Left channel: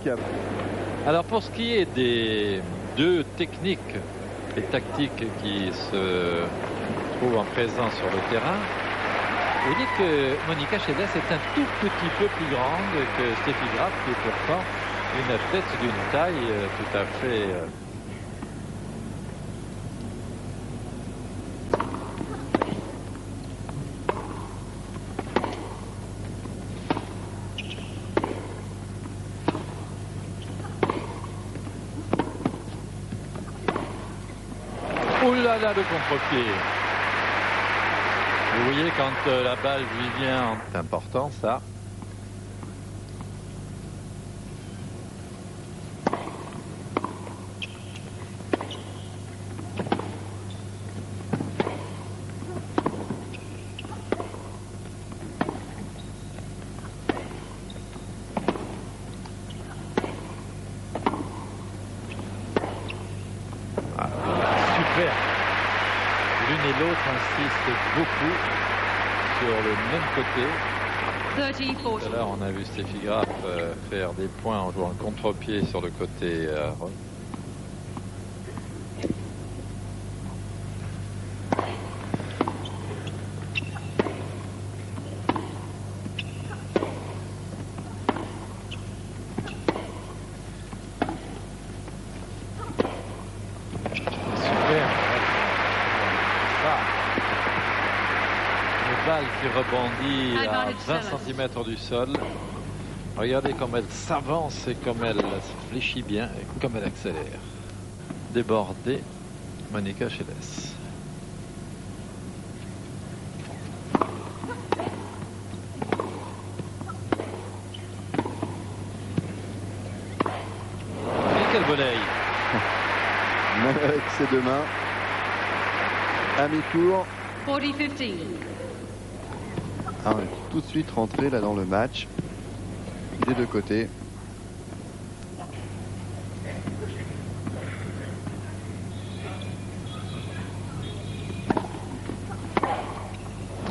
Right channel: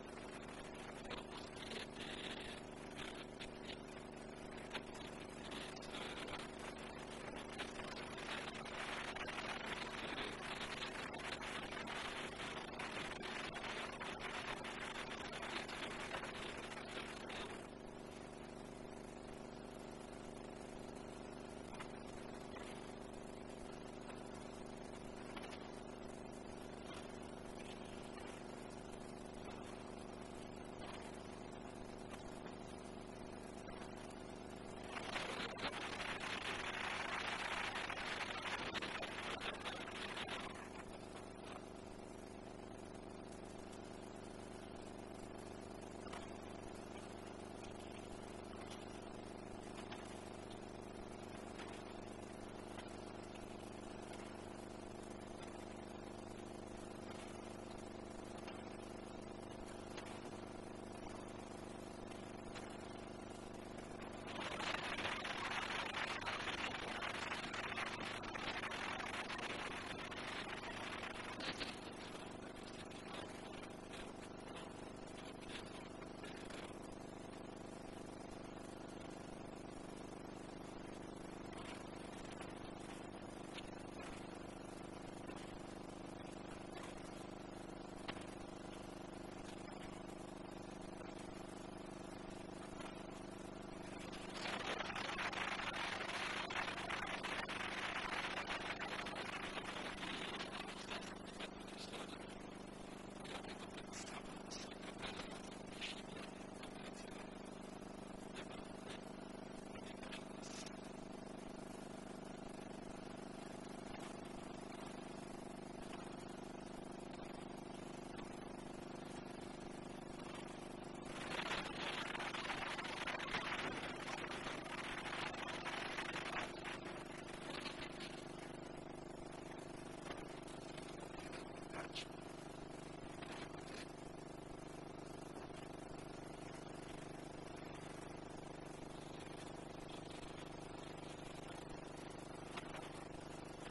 remarquable. Alors pour ce qui est des deux techniques et tactiques qui se trouvent en présence sur le terrain, vous dites que Monica Seles est un tout petit peu plus grande que Steffi Graf, qui est pourtant une athlète d'une taille tout à fait... Oh là là, le contre-pied. Vous voyez quand la balle lui vient, c'est important ça. L'une et l'autre insistent beaucoup sur le même côté. Tout à l'heure, on a vu Steffi Graf faire des points en jouant le contre-pied sur le côté. Qui rebondit à 20 cm du sol. Regardez comme elle s'avance et comme elle se fléchit bien et comme elle accélère. Débordée, Monica Seles. Et quel volley! Même avec ses deux mains. À mi-tour. 40-15. Ah, on est tout de suite rentré là dans le match des deux côtés.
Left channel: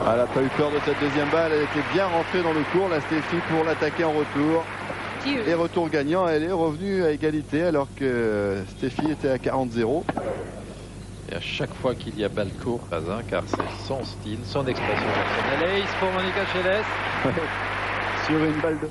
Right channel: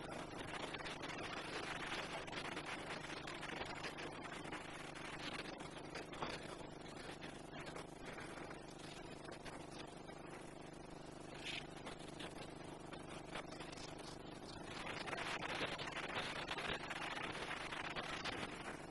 Elle n'a pas eu peur de cette deuxième balle, elle était bien rentrée dans le court, la Steffi, pour l'attaquer en retour. Et retour gagnant, elle est revenue à égalité alors que Steffi était à 40-0. Et à chaque fois qu'il y a balle court, pas un, car c'est son style, son expression personnelle. Ace pour Monica Seles. Sur une balle de...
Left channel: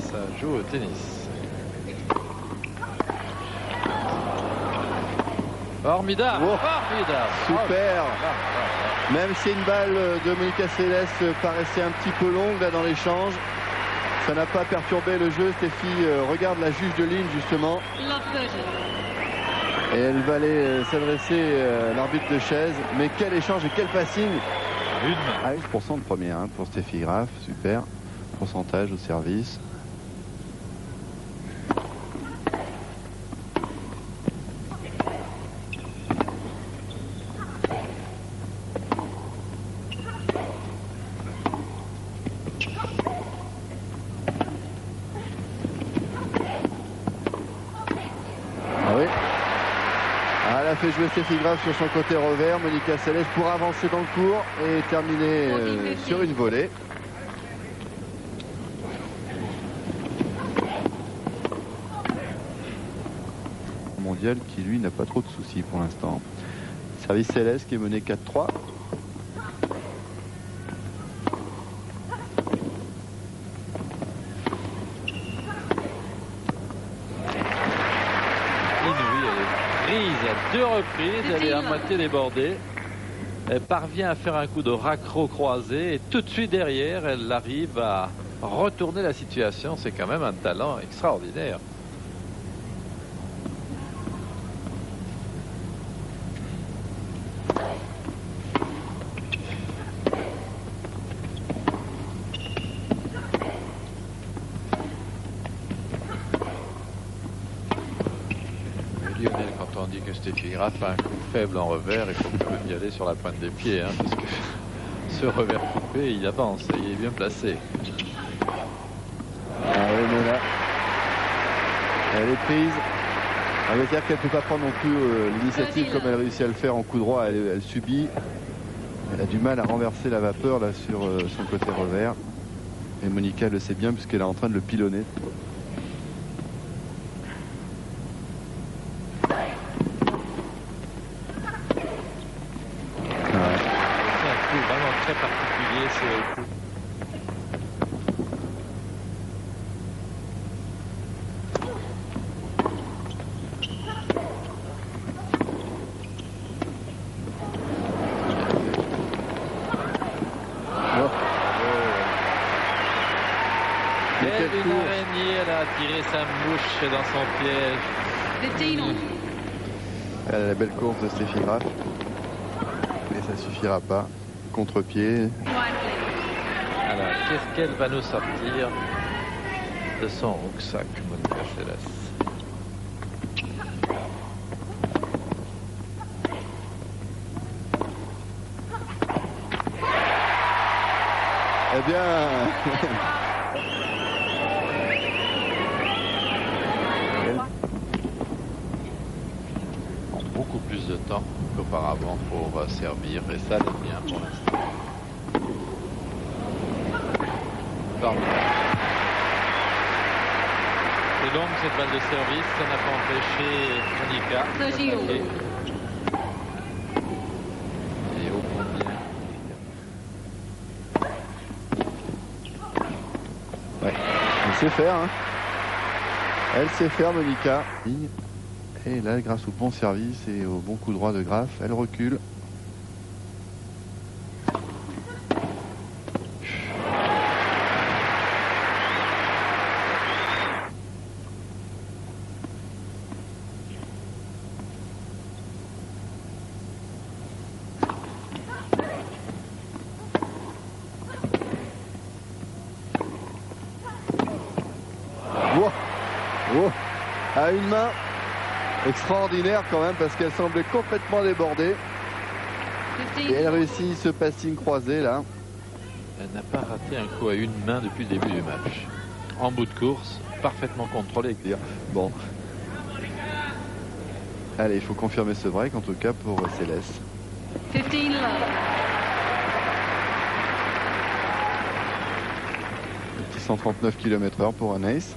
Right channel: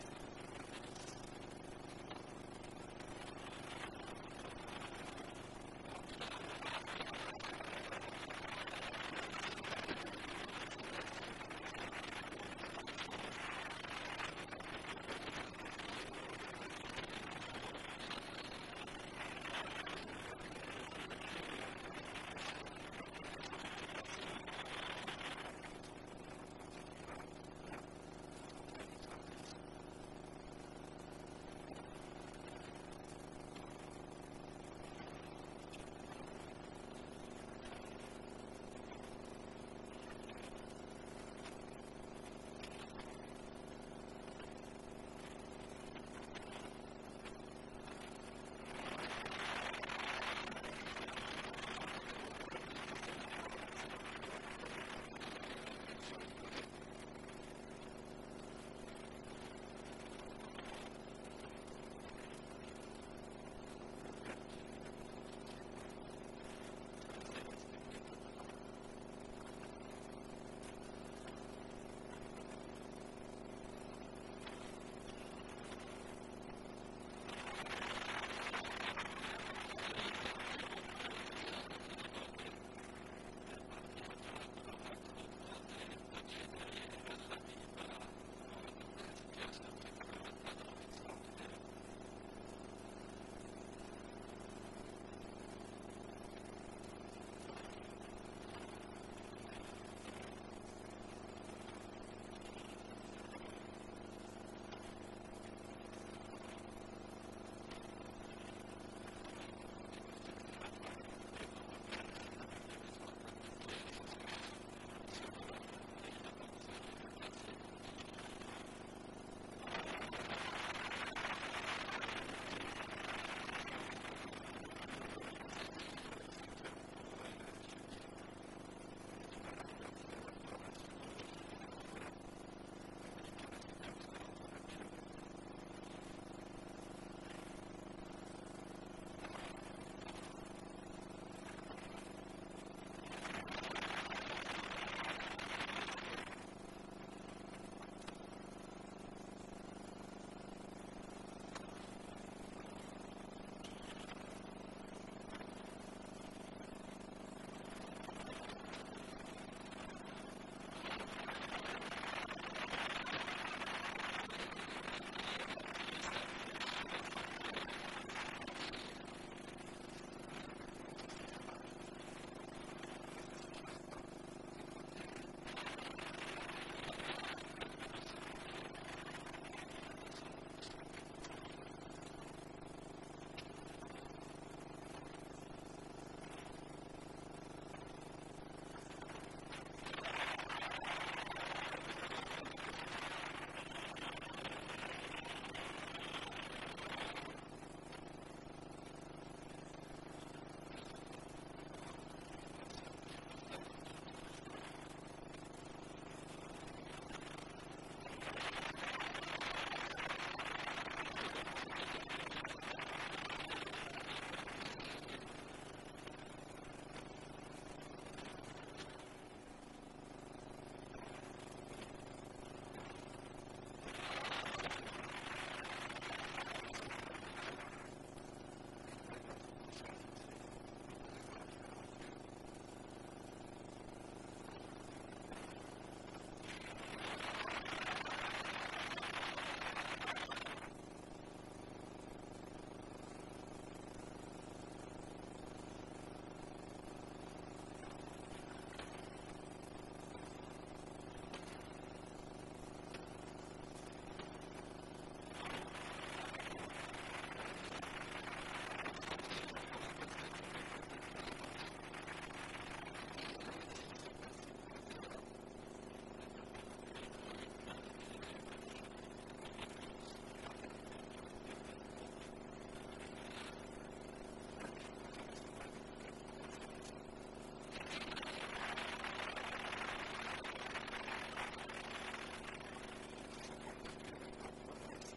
Ça joue au tennis. Formidable, oh, formidable. Super. Même si une balle de Monica Seles paraissait un petit peu longue là dans l'échange, ça n'a pas perturbé le jeu. Steffi regarde la juge de ligne justement. Et elle va aller s'adresser à l'arbitre de chaise. Mais quel échange et quel passing. À 11% de première pour Steffi Graf, super. Pourcentage au service. Elle a fait jouer Steffi Graf sur son côté revers. Monica Seles pour avancer dans le court et terminer sur une volée. Mondial qui lui n'a pas trop de soucis pour l'instant. Service Seles qui est mené 4-3. Deux reprises, elle est à moitié débordée. Elle parvient à faire un coup de raccro croisé et tout de suite derrière, elle arrive à retourner la situation. C'est quand même un talent extraordinaire. Quand on dit que Steffi Graf a un coup faible en revers, il faut quand même y aller sur la pointe des pieds, hein, parce que ce revers coupé, il avance et il est bien placé. Elle est prise. On va dire qu'elle ne peut pas prendre non plus l'initiative comme elle réussit à le faire en coup droit. Elle subit. Elle a du mal à renverser la vapeur là sur son côté revers. Et Monica le sait bien puisqu'elle est en train de le pilonner. C'est un coup vraiment très particulier, ce coup. Une araignée, elle a attiré sa mouche dans son piège. Elle a la belle course de Steffi Graf. Mais ça suffira pas. Contre-pied. Alors, qu'est-ce qu'elle va nous sortir de son rucksack, Monica Seles? Eh bien... Beaucoup plus de temps qu'auparavant pour servir, et ça c'est bien pour l'instant. C'est longue cette balle de service, ça n'a pas empêché Monica. Et au combien? Ouais, elle sait faire, hein. Elle sait faire, Monica. Et là, grâce au bon service et au bon coup droit de Graf, elle recule. Wow. Oh. À une main. Extraordinaire quand même parce qu'elle semblait complètement débordée. Et elle réussit ce passing croisé là. Elle n'a pas raté un coup à une main depuis le début du match. En bout de course, parfaitement contrôlé. Bon. Allez, il faut confirmer ce break en tout cas pour Céleste. 15 love. Petit 139 km/h pour un ace.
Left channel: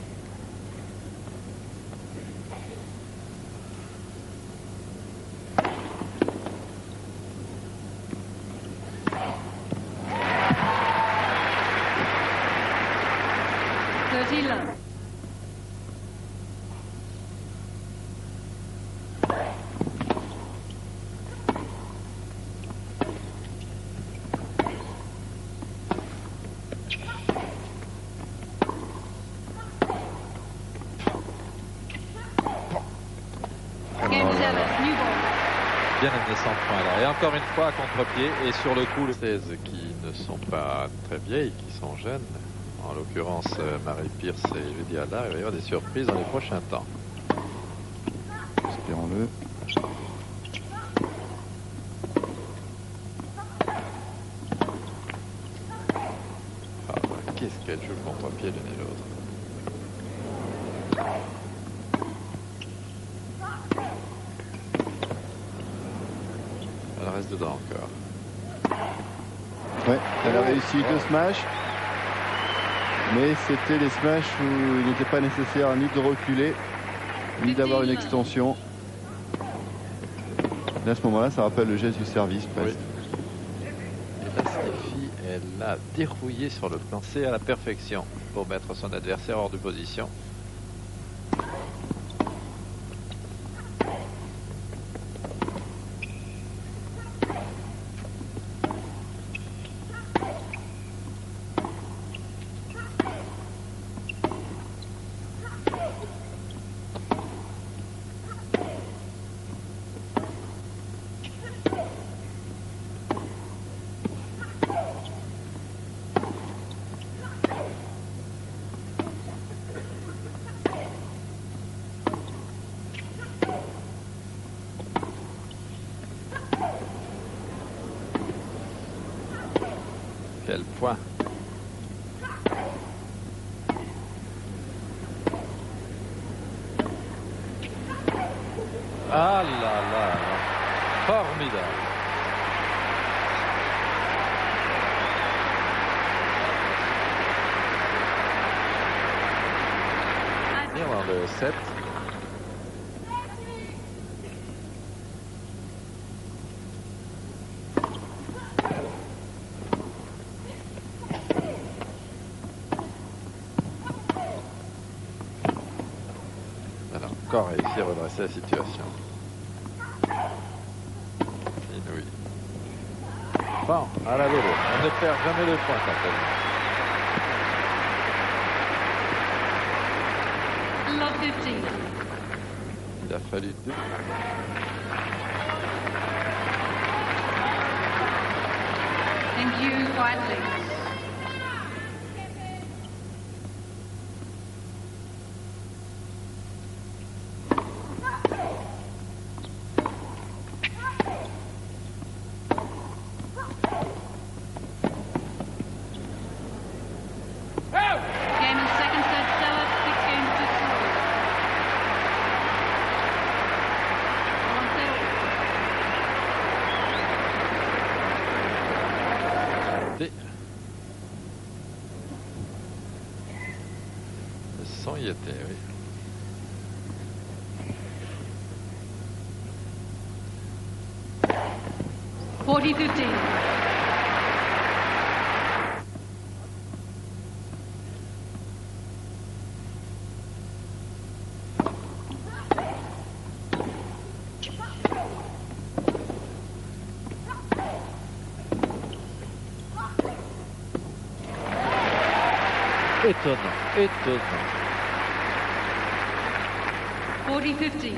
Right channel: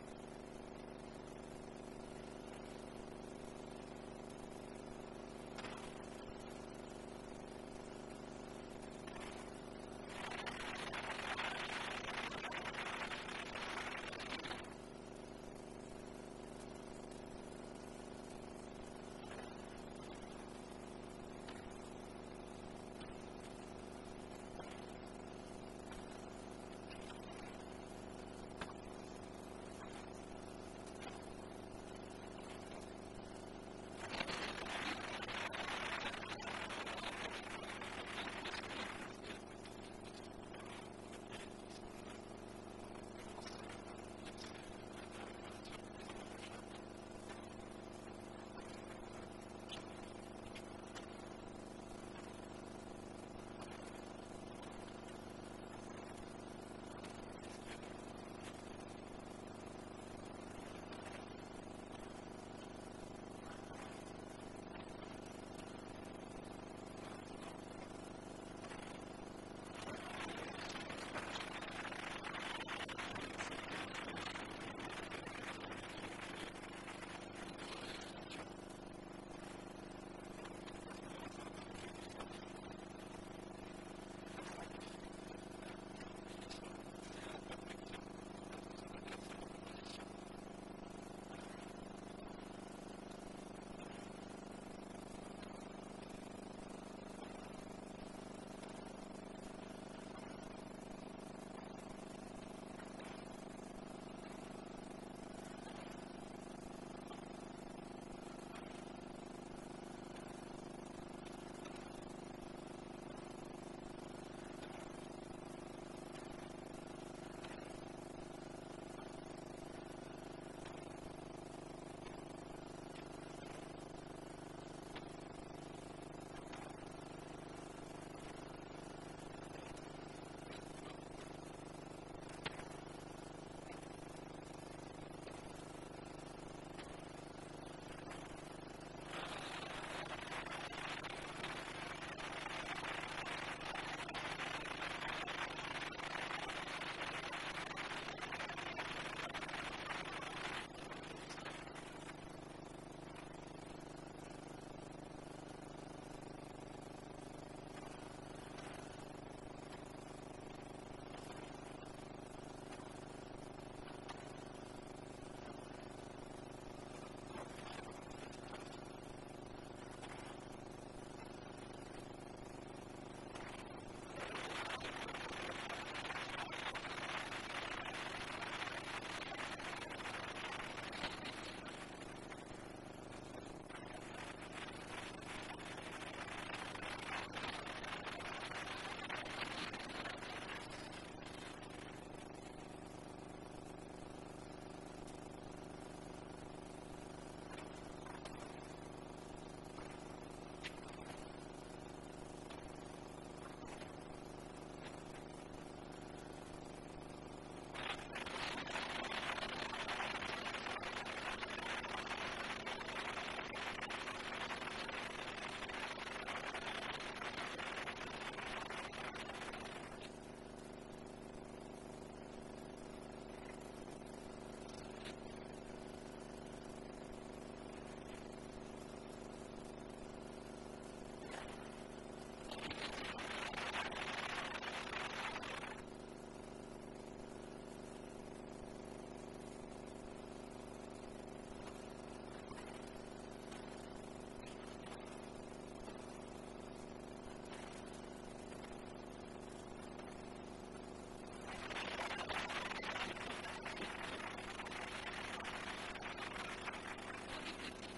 Bien amené 100 points là. Et encore une fois, contre-pied et sur le coup, les 16 qui ne sont pas très vieilles, qui sont jeunes. En l'occurrence, Marie Pierce et Judy Allard. Il va y avoir des surprises dans les prochains temps. Espérons-le. Qu'est-ce qu'elle joue le contre-pied l'une et l'autre. Elle reste dedans encore. Ouais, elle a réussi deux smashs. Mais c'était les smashs où il n'était pas nécessaire ni de reculer, ni d'avoir une extension. Là, à ce moment-là, ça rappelle le geste du service presque. Oui. Et là, Steffi, elle a dérouillé sur le plancher à la perfection pour mettre son adversaire hors de position. Ah là là, formidable. Et dans le 7. Alors, encore réussi à redresser la situation. Inouï. Bon, à la vélo, on ne perd jamais le point quand même. Il a fallu deux. Thank you, quietly. Le son y était, oui. $40-15. Étonnant, étonnant. 40-15.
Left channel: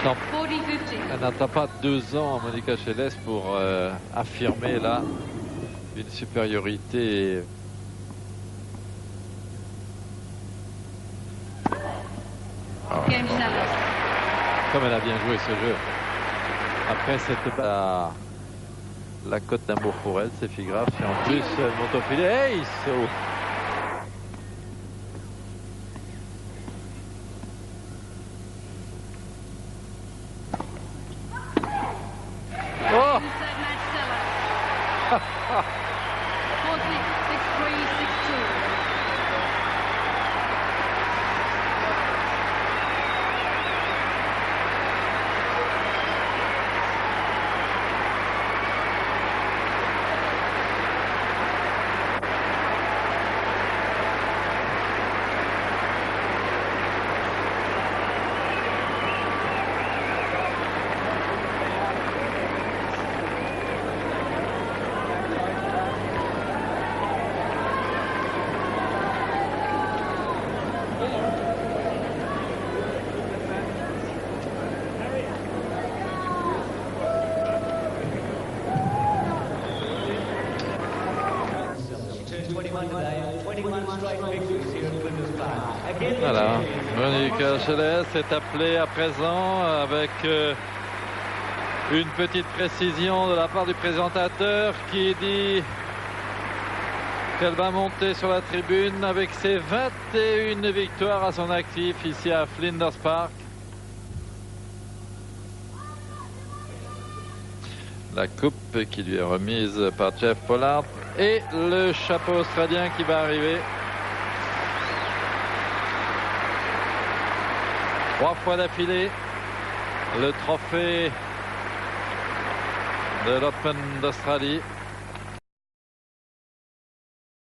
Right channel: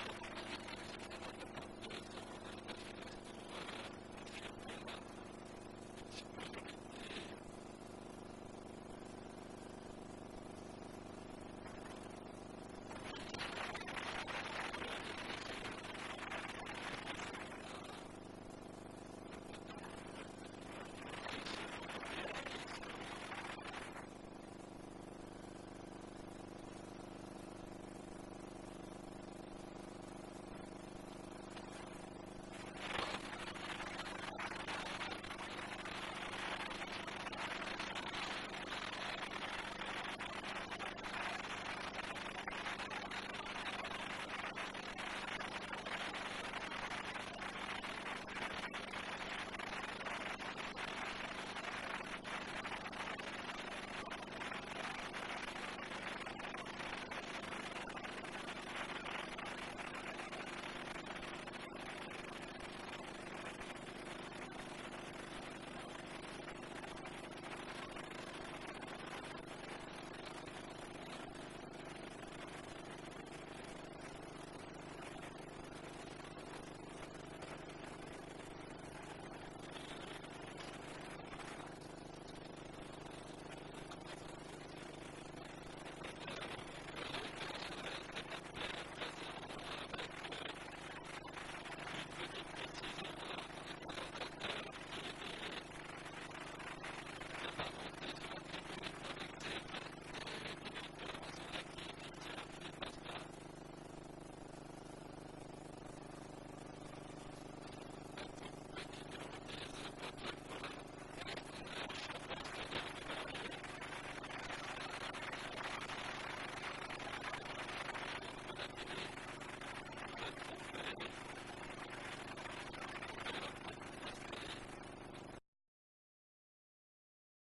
Attends, 40-15. elle n'attend pas 2 ans, Monica Seles, pour affirmer là une supériorité. Game 7. Comme elle a bien joué ce jeu. Après, c'était pas la cote d'amour pour elle, c'est grave. Et en plus, elle monte au filet. Hey, so. Oh! 6-3, 6-2. Voilà, Monica Seles est appelée à présent avec une petite précision de la part du présentateur qui dit qu'elle va monter sur la tribune avec ses 21 victoires à son actif ici à Flinders Park. La coupe qui lui est remise par Jeff Pollard et le chapeau australien qui va arriver. 3 fois d'affilée, le trophée de l'Open d'Australie.